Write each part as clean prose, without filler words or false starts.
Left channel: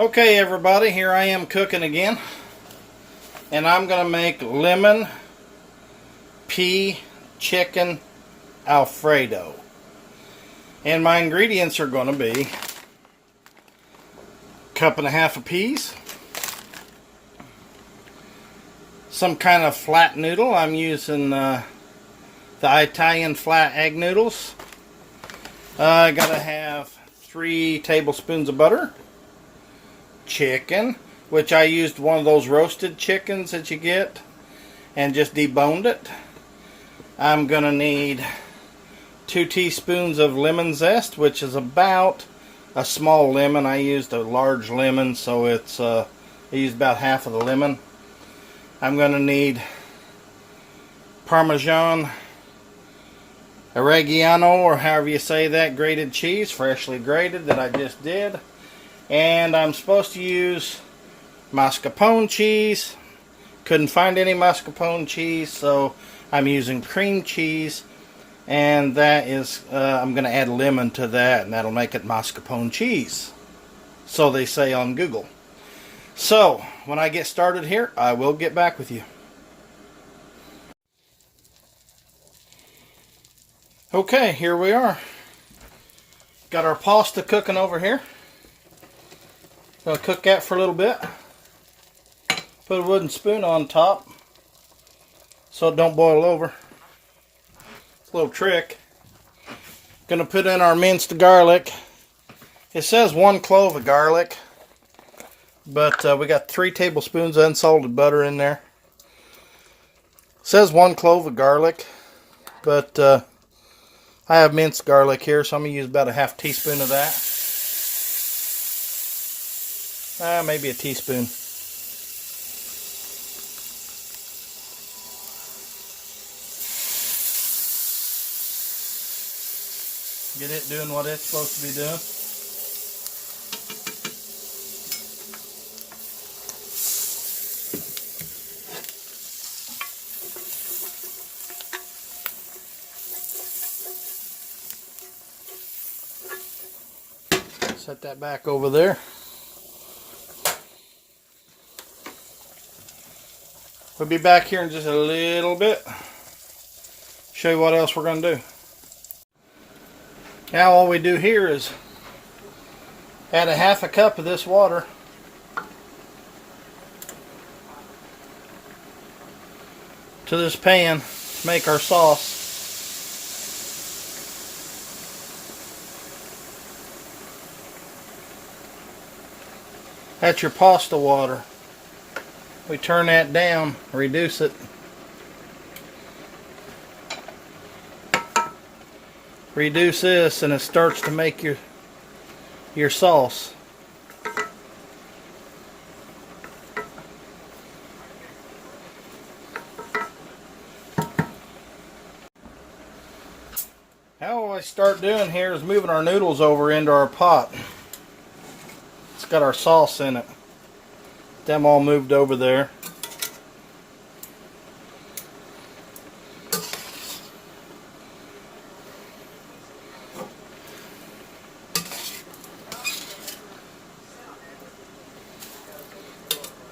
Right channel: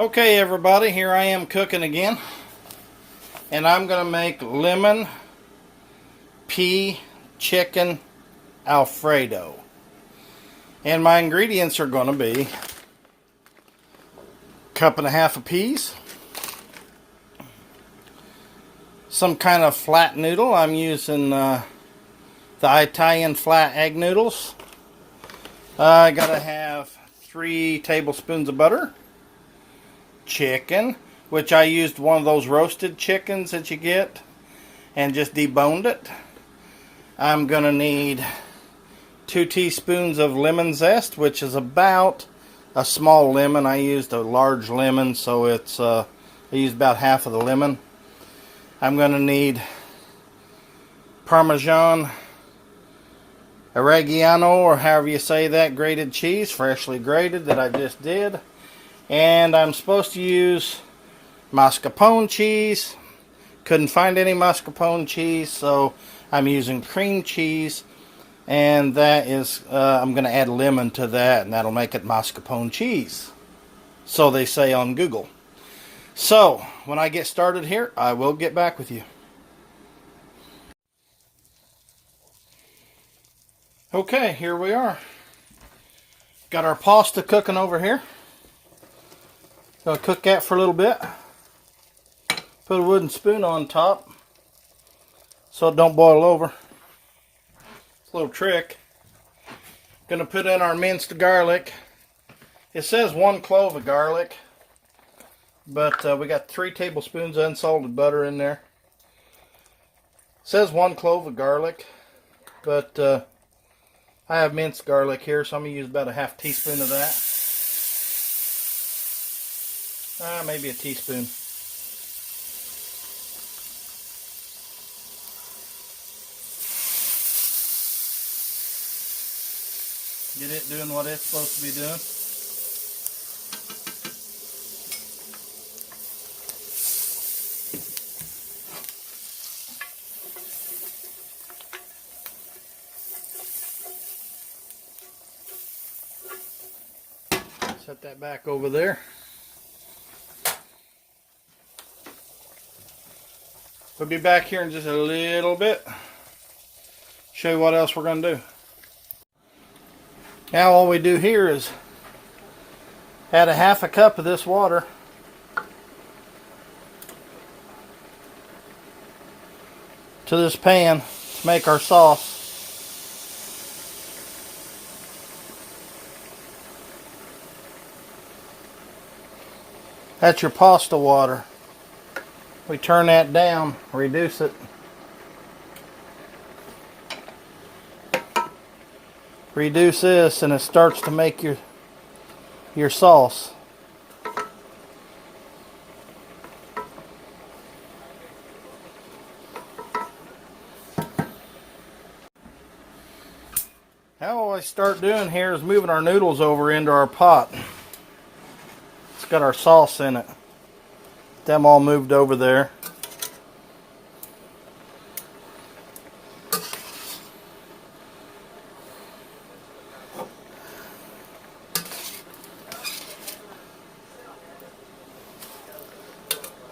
Okay everybody, here I am cooking again, and I'm going to make lemon pea chicken Alfredo. And my ingredients are going to be a cup and a half of peas, some kind of flat noodle. I'm using the Italian flat egg noodles. I got to have 3 tablespoons of butter. Chicken, which I used one of those roasted chickens that you get and just deboned it. I'm going to need 2 teaspoons of lemon zest, which is about a small lemon. I used a large lemon, so it's I used about half of the lemon. I'm going to need parmigiano, reggiano, or however you say that, grated cheese, freshly grated, that I just did. And I'm supposed to use mascarpone cheese. Couldn't find any mascarpone cheese, so I'm using cream cheese. And that is, I'm going to add lemon to that, and that'll make it mascarpone cheese. So they say on Google. So, when I get started here, I will get back with you. Okay, here we are. Got our pasta cooking over here. Gonna cook that for a little bit. Put a wooden spoon on top so it don't boil over. It's a little trick. Gonna put in our minced garlic. It says 1 clove of garlic, but we got 3 tablespoons of unsalted butter in there. It says 1 clove of garlic, but I have minced garlic here, so I'm gonna use about a half teaspoon of that. Maybe a teaspoon. Get it doing what it's supposed to be doing. Set that back over there. We'll be back here in just a little bit. Show you what else we're going to do. Now all we do here is add a half a cup of this water to this pan to make our sauce. That's your pasta water. We turn that down, reduce it. Reduce this and it starts to make your sauce. Now what we start doing here is moving our noodles over into our pot. It's got our sauce in it. Them all moved over there.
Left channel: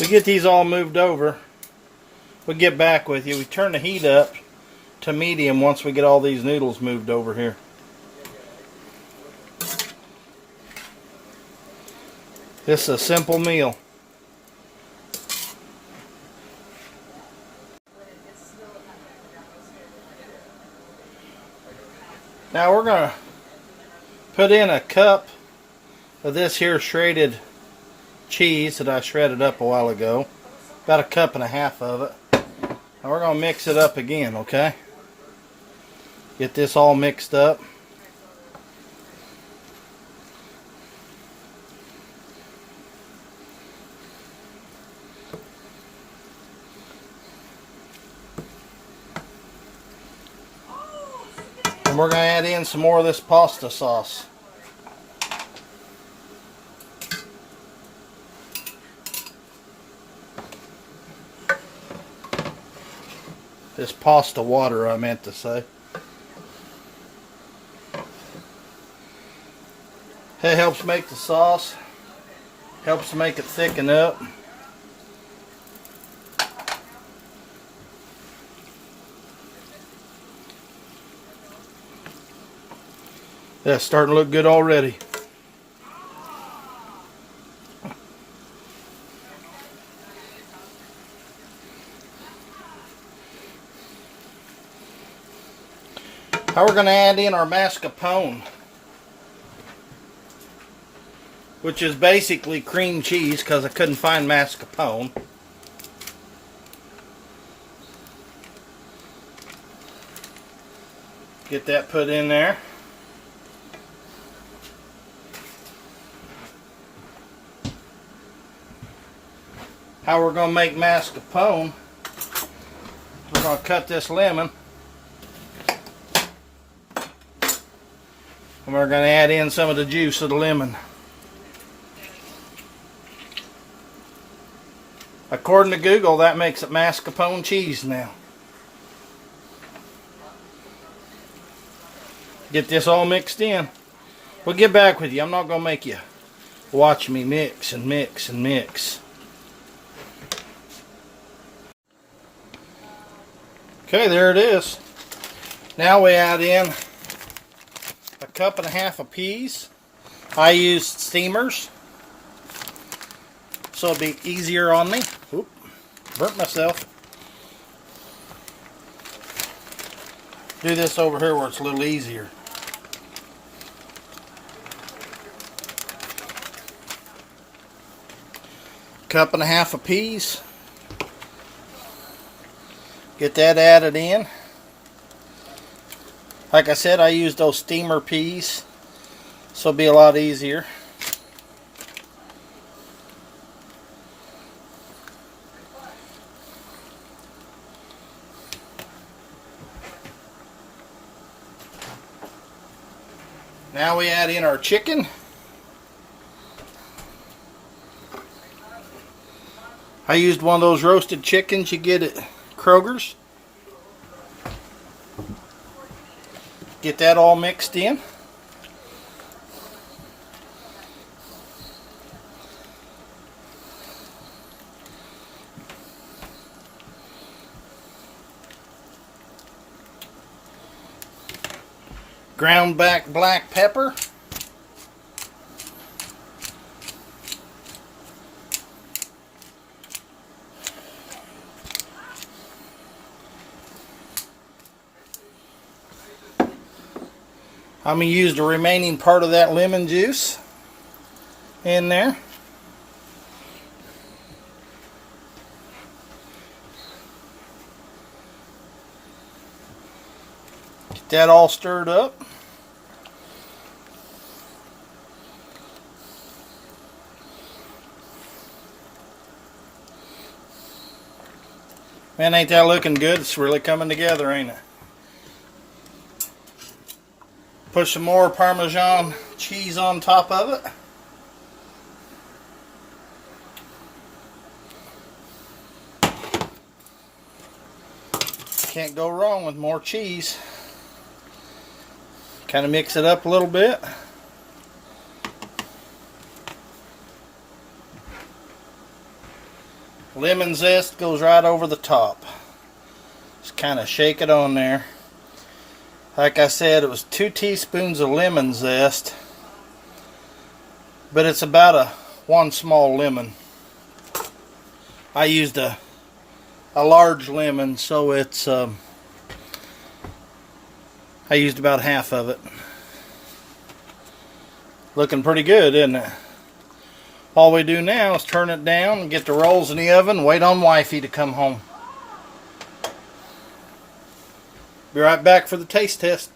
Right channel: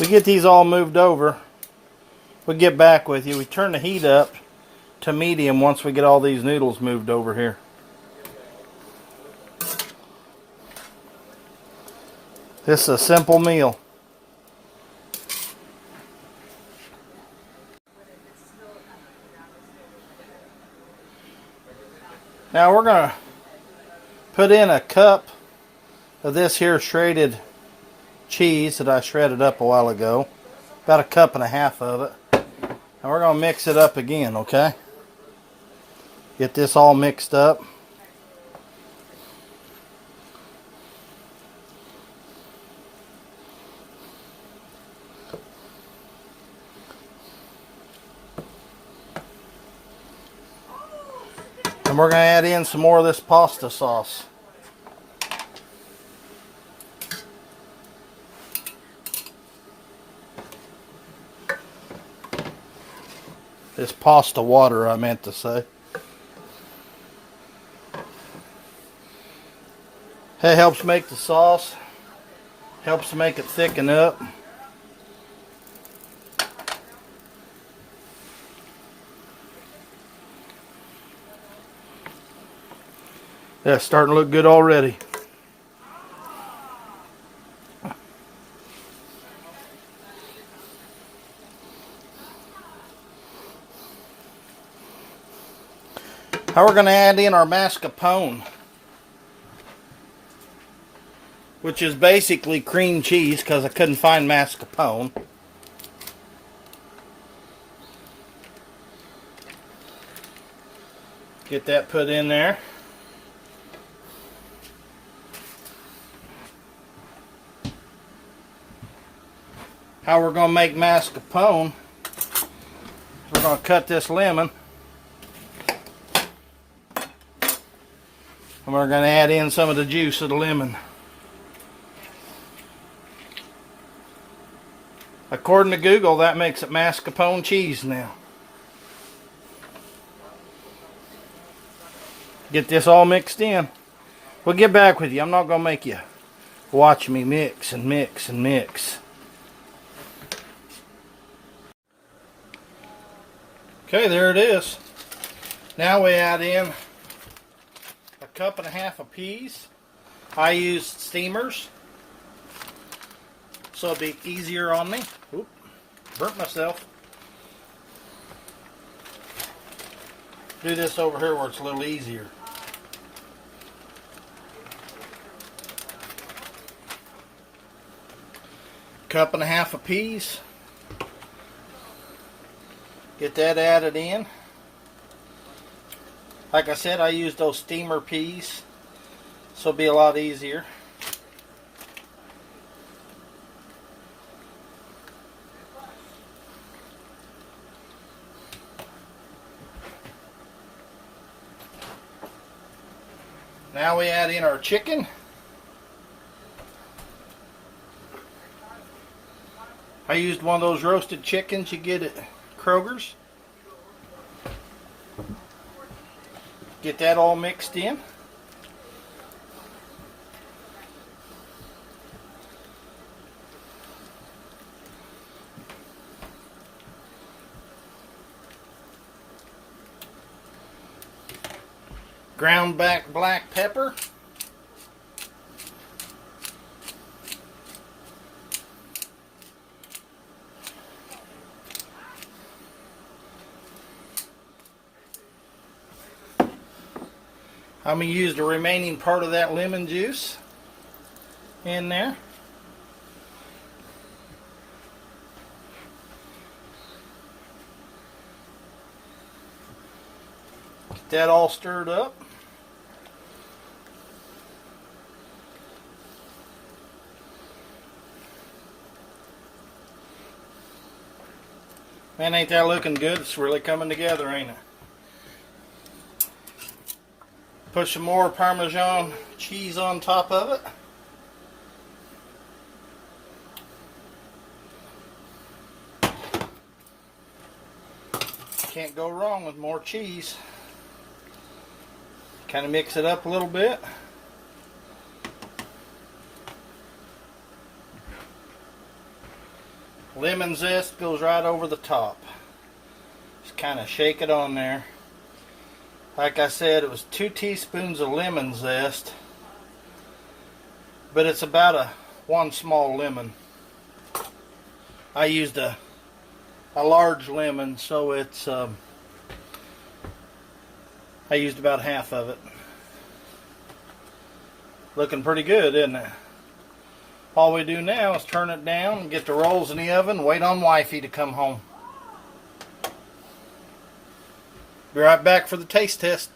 We get these all moved over. We'll get back with you. We turn the heat up to medium once we get all these noodles moved over here. This is a simple meal. Now we're going to put in a cup of this here shredded cheese that I shredded up a while ago. About a cup and a half of it. And we're going to mix it up again, okay? Get this all mixed up. And we're going to add in some more of this pasta sauce. This pasta water, I meant to say. It helps make the sauce. Helps make it thicken up. That's starting to look good already. Now we're going to add in our mascarpone, which is basically cream cheese because I couldn't find mascarpone. Get that put in there. How we're going to make mascarpone, we're going to cut this lemon. And we're going to add in some of the juice of the lemon. According to Google, that makes it mascarpone cheese now. Get this all mixed in. We'll get back with you. I'm not going to make you watch me mix and mix and mix. Okay, there it is. Now we add in a cup and a half of peas. I used steamers, so it'll be easier on me. Oop, burnt myself. Do this over here where it's a little easier. Cup and a half of peas. Get that added in. Like I said, I used those steamer peas, so it'll be a lot easier. Now we add in our chicken. I used one of those roasted chickens you get at Kroger's. Get that all mixed in. Ground back black pepper. I'm going to use the remaining part of that lemon juice in there. Get that all stirred up. Man, ain't that looking good? It's really coming together, ain't it? Put some more Parmesan cheese on top of it. Can't go wrong with more cheese. Kind of mix it up a little bit. Lemon zest goes right over the top. Just kind of shake it on there. Like I said, it was 2 teaspoons of lemon zest, but it's about one small lemon. I used a large lemon, so it's I used about half of it. Looking pretty good, isn't it? All we do now is turn it down and get the rolls in the oven, wait on wifey to come home. Be right back for the taste test.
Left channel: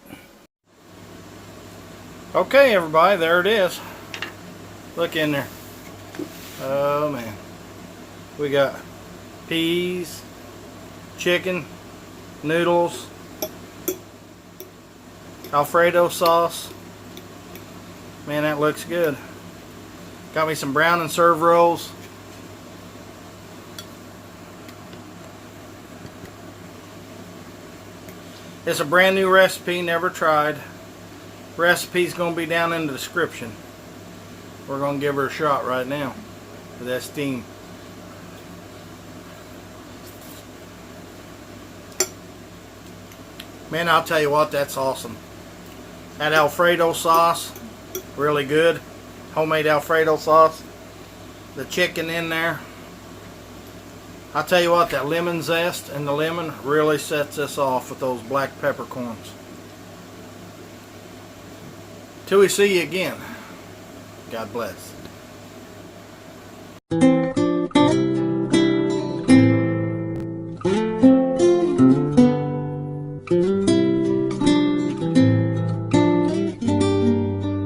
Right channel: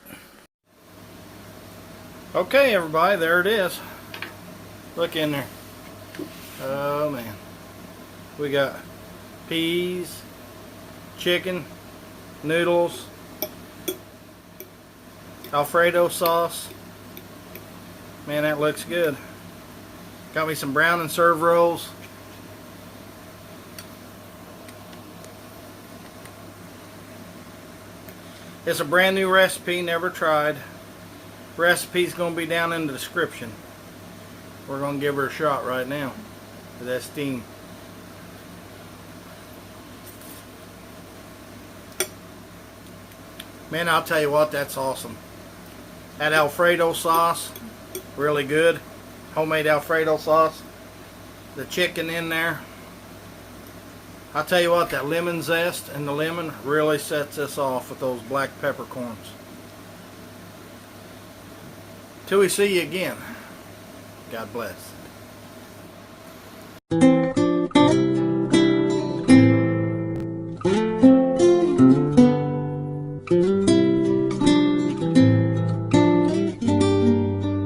Okay, everybody, there it is. Look in there. Oh man. We got peas, chicken, noodles, Alfredo sauce. Man, that looks good. Got me some brown and serve rolls. It's a brand new recipe, never tried. Recipe's going to be down in the description. We're going to give her a shot right now. of that steam. Man, I'll tell you what, that's awesome. That Alfredo sauce, really good. Homemade Alfredo sauce. The chicken in there. I'll tell you what, that lemon zest and the lemon really sets this off with those black peppercorns. Till we see you again, God bless.